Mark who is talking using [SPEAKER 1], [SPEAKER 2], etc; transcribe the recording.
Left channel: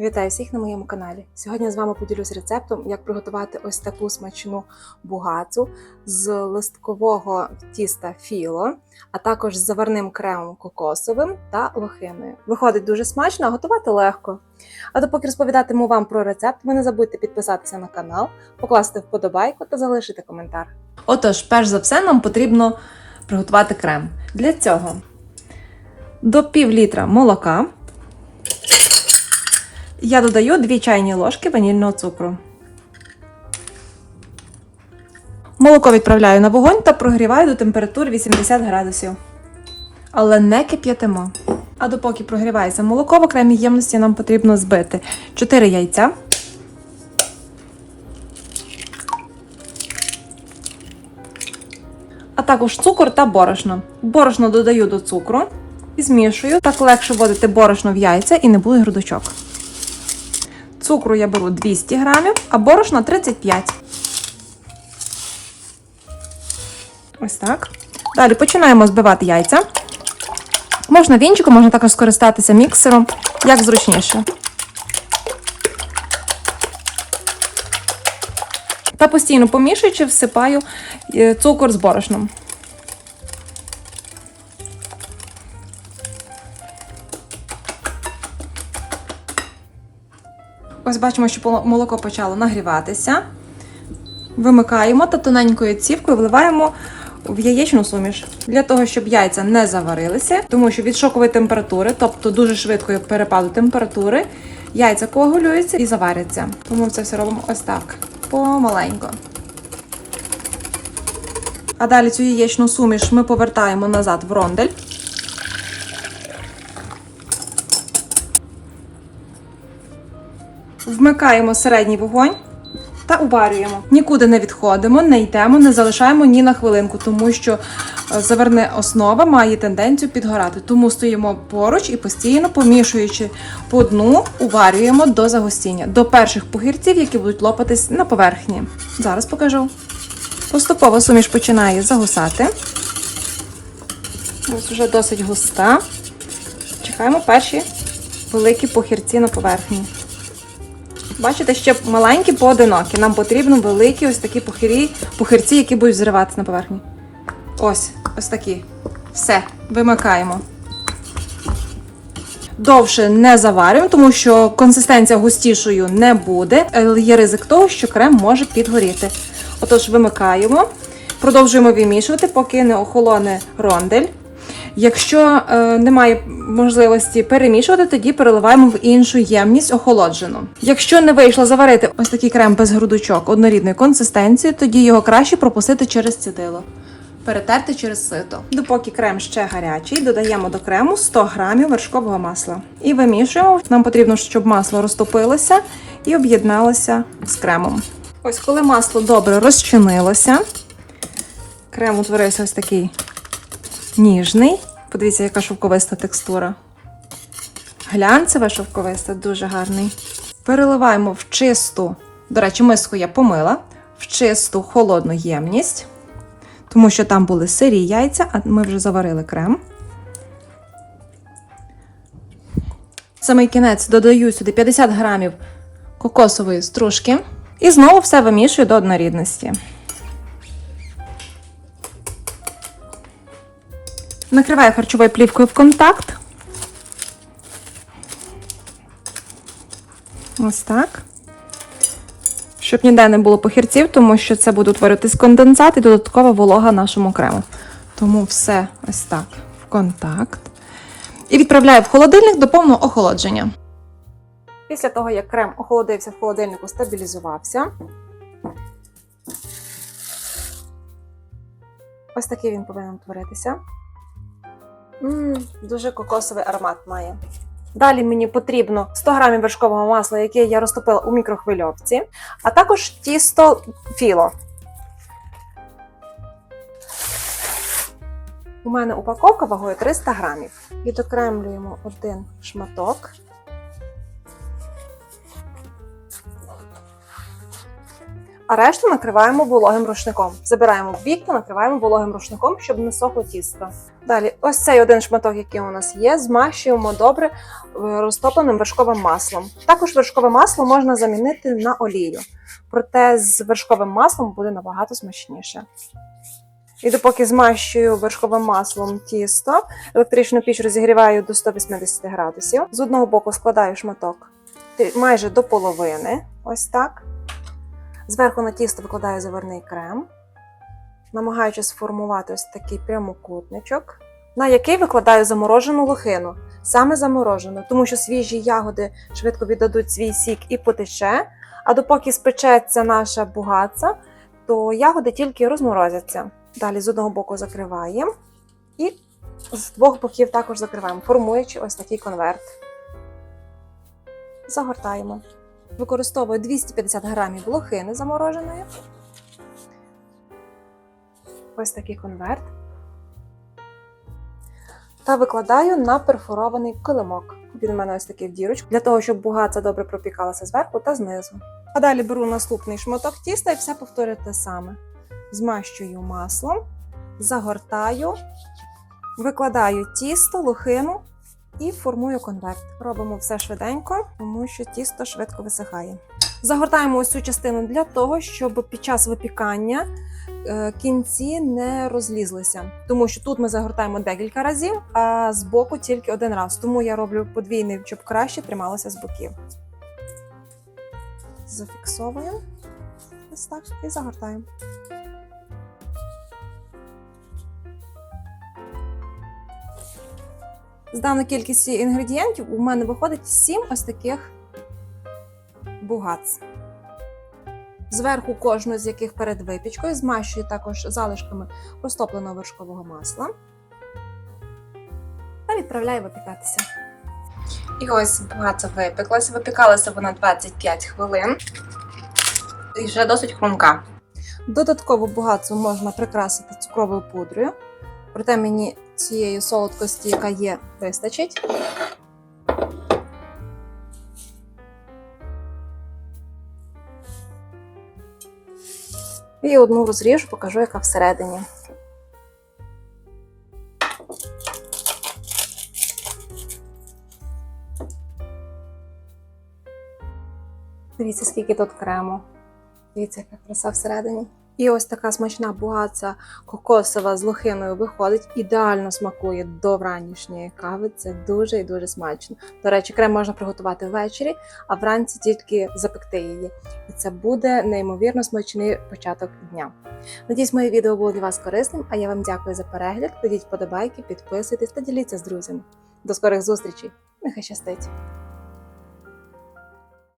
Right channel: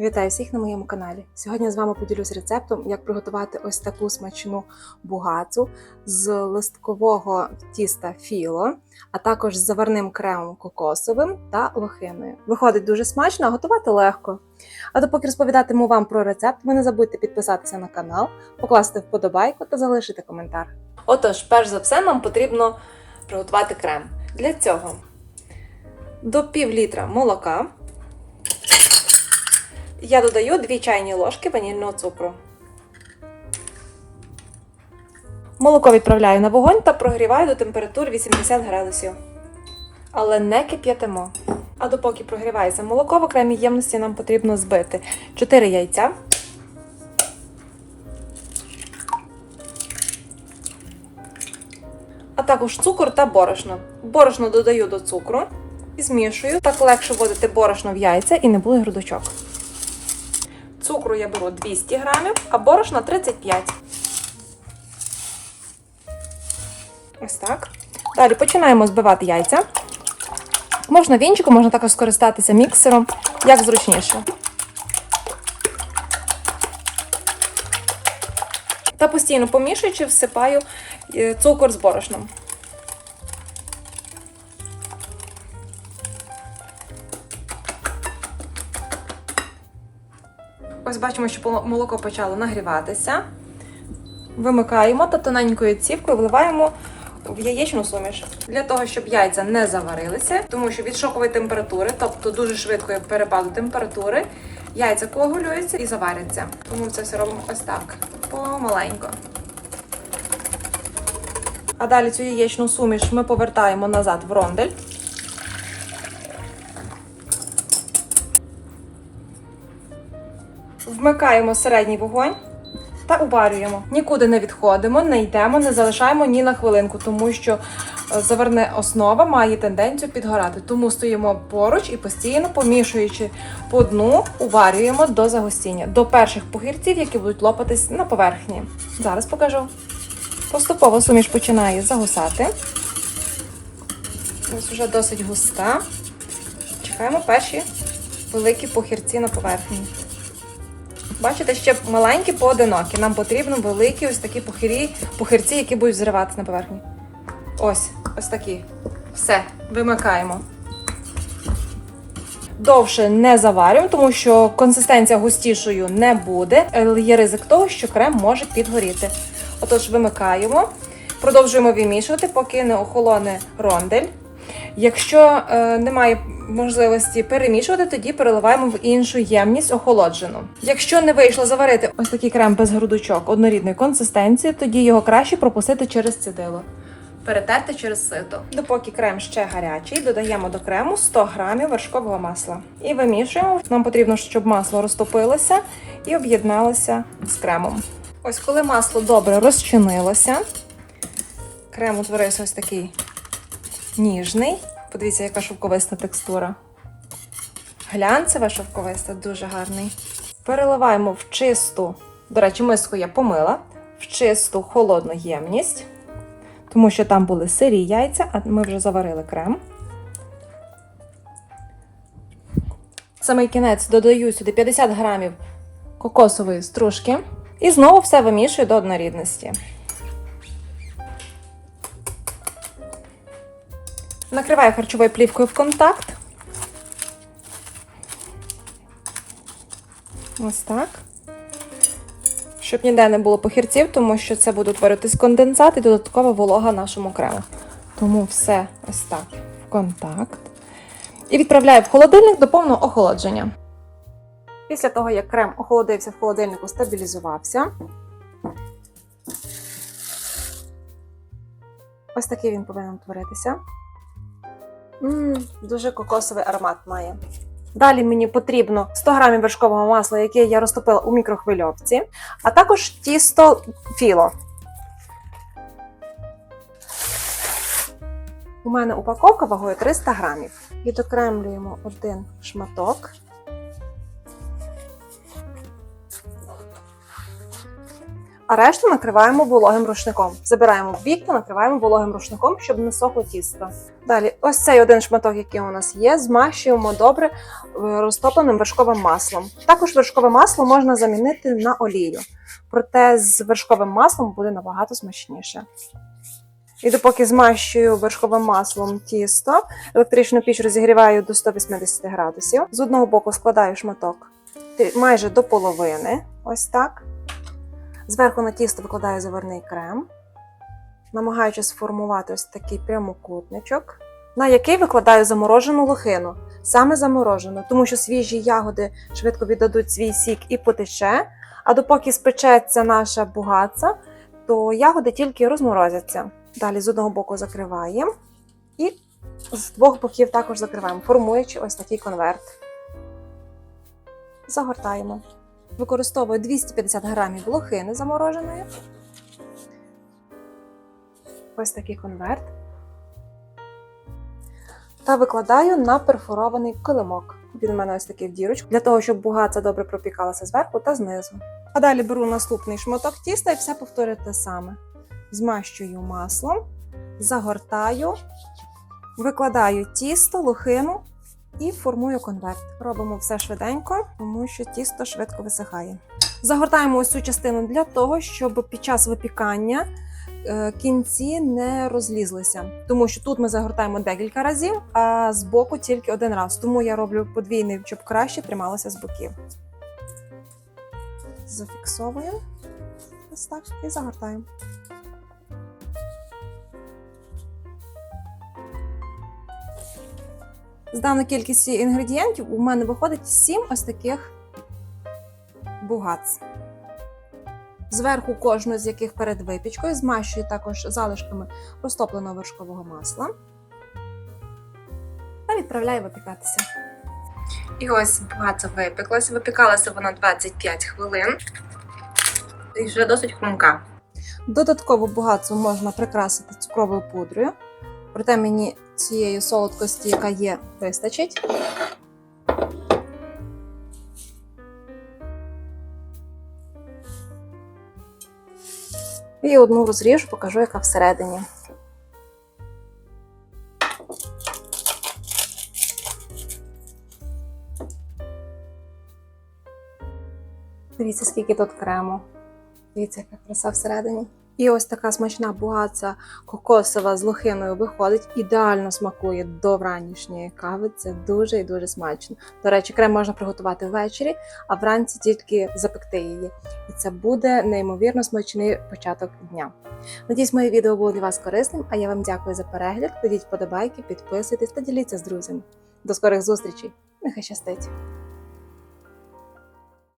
[SPEAKER 1] Вітаю всіх на моєму каналі. Сьогодні я з вами поділюсь рецептом, як приготувати ось таку смачну бугацу з листкового тіста філо, а також з заварним кремом кокосовим та лохиною. Виходить дуже смачно, а готувати легко. А допоки розповідатиму вам про рецепт, ви не забудьте підписатися на канал, покласти вподобайку та залишити коментар.
[SPEAKER 2] Отож, перш за все, нам потрібно приготувати крем. Для цього до пів літра молока я додаю 2 чайні ложки ванільного цукру. Молоко відправляю на вогонь та прогріваю до температури 80 градусів. Але не кип'ятимо. А допоки прогрівається молоко, в окремій ємності нам потрібно збити 4 яйця. а також цукор та борошно. Борошно додаю до цукру і змішую. Так легше вводити борошно в яйця і не буде грудочок. Цукру я беру 200 грамів, а борошно 35. Ось так. Далі починаємо збивати яйця. Можна вінчиком, можна також скористатися міксером, як зручніше. Та постійно помішуючи, всипаю е, цукор з борошном. Ось бачимо, що молоко почало нагріватися. Вимикаємо та тоненькою цівкою вливаємо в яєчну суміш. Для того, щоб яйця не заварилися, тому що від шокової температури, тобто дуже швидкої перепаду температури, яйця коагулюються і заваряться. Тому це все робимо ось так, помаленько. А далі цю яєчну суміш ми повертаємо назад в рондель. Вмикаємо середній вогонь та уварюємо. Нікуди не відходимо, не йдемо, не залишаємо ні на хвилинку, тому що е, заверне основа має тенденцію підгорати. Тому стоїмо поруч і постійно помішуючи по дну, уварюємо до загустіння, до перших погірців, які будуть лопатись на поверхні. Зараз покажу. Поступово суміш починає загусати. Ось вже досить густа. Чекаємо перші великі похірці на поверхні. Бачите, ще маленькі поодинокі. Нам потрібно великі ось такі пухирі, пухирці, які будуть зриватися на поверхні. Ось, ось такі. Все, вимикаємо. Довше не заварюємо, тому що консистенція густішою не буде, є ризик того, що крем може підгоріти. Отож, вимикаємо, продовжуємо вимішувати, поки не охолоне рондель. Якщо е, немає можливості перемішувати, тоді переливаємо в іншу ємність охолоджену. Якщо не вийшло заварити ось такий крем без грудочок однорідної консистенції, тоді його краще пропустити через цідило. Перетерти через сито. Допоки крем ще гарячий, додаємо до крему 100 грамів вершкового масла. І вимішуємо. Нам потрібно, щоб масло розтопилося і об'єдналося з кремом. Ось коли масло добре розчинилося, крем утворився ось такий ніжний. Подивіться, яка шовковиста текстура. Глянцева шовковиста, дуже гарний. Переливаємо в чисту, до речі, миску я помила, в чисту холодну ємність, тому що там були сирі яйця, а ми вже заварили крем. Самий кінець додаю сюди 50 грамів кокосової стружки і знову все вимішую до однорідності. Накриваю харчовою плівкою в контакт. Ось так. Щоб ніде не було похірців, тому що це буде утворитись конденсат і додаткова волога нашому крему. Тому все ось так в контакт. І відправляю в холодильник до повного охолодження.
[SPEAKER 1] Після того, як крем охолодився в холодильнику, стабілізувався. Ось такий він повинен утворитися. Мм, дуже кокосовий аромат має. Далі мені потрібно 100 грамів вершкового масла, яке я розтопила у мікрохвильовці, а також тісто філо. У мене упаковка вагою 300 грамів. Відокремлюємо один шматок. А решту накриваємо вологим рушником. Забираємо в бік та накриваємо вологим рушником, щоб не сохло тісто. Далі, ось цей один шматок, який у нас є, змащуємо добре е, розтопленим вершковим маслом. Також вершкове масло можна замінити на олію, проте з вершковим маслом буде набагато смачніше. І допоки змащую вершковим маслом тісто, електричну піч розігріваю до 180 градусів. З одного боку складаю шматок майже до половини, ось так. Зверху на тісто викладаю заварний крем, намагаючись сформувати ось такий прямокутничок, на який викладаю заморожену лохину. Саме заморожену, тому що свіжі ягоди швидко віддадуть свій сік і потече. А допоки спечеться наша бугаця, то ягоди тільки розморозяться. Далі з одного боку закриваємо і з двох боків також закриваємо, формуючи ось такий конверт. Загортаємо. Використовую 250 грамів лохини замороженої. Ось такий конверт. Та викладаю на перфорований килимок. Він у мене ось такий в дірочку, для того, щоб бугаця добре пропікалася зверху та знизу. А далі беру наступний шматок тіста і все повторюю те саме. Змащую маслом, загортаю, викладаю тісто, лохину і формую конверт. Робимо все швиденько, тому що тісто швидко висихає. Загортаємо ось цю частину для того, щоб під час випікання е, кінці не розлізлися. Тому що тут ми загортаємо декілька разів, а з боку тільки один раз. Тому я роблю подвійний, щоб краще трималося з боків. Зафіксовуємо ось так і загортаємо. З даної кількості інгредієнтів у мене виходить 7 ось таких бугац. Зверху кожну з яких перед випічкою змащую також залишками розтопленого вершкового масла та відправляю випікатися. І ось бугаця випеклася. Випікалася вона 25 хвилин. І вже досить хрумка. Додатково бугацу можна прикрасити цукровою пудрою. Проте мені цієї солодкості, яка є, вистачить. І одну розріжу, покажу, яка всередині. Дивіться, скільки тут крему. Дивіться, яка краса всередині. І ось така смачна бугаця кокосова з лохиною виходить, ідеально смакує до вранішньої кави. Це дуже і дуже смачно. До речі, крем можна приготувати ввечері, а вранці тільки запекти її. І це буде неймовірно смачний початок дня. Надіюсь, моє відео було для вас корисним, а я вам дякую за перегляд. Кладіть вподобайки, підписуйтесь та діліться з друзями. До скорих зустрічей! Нехай щастить!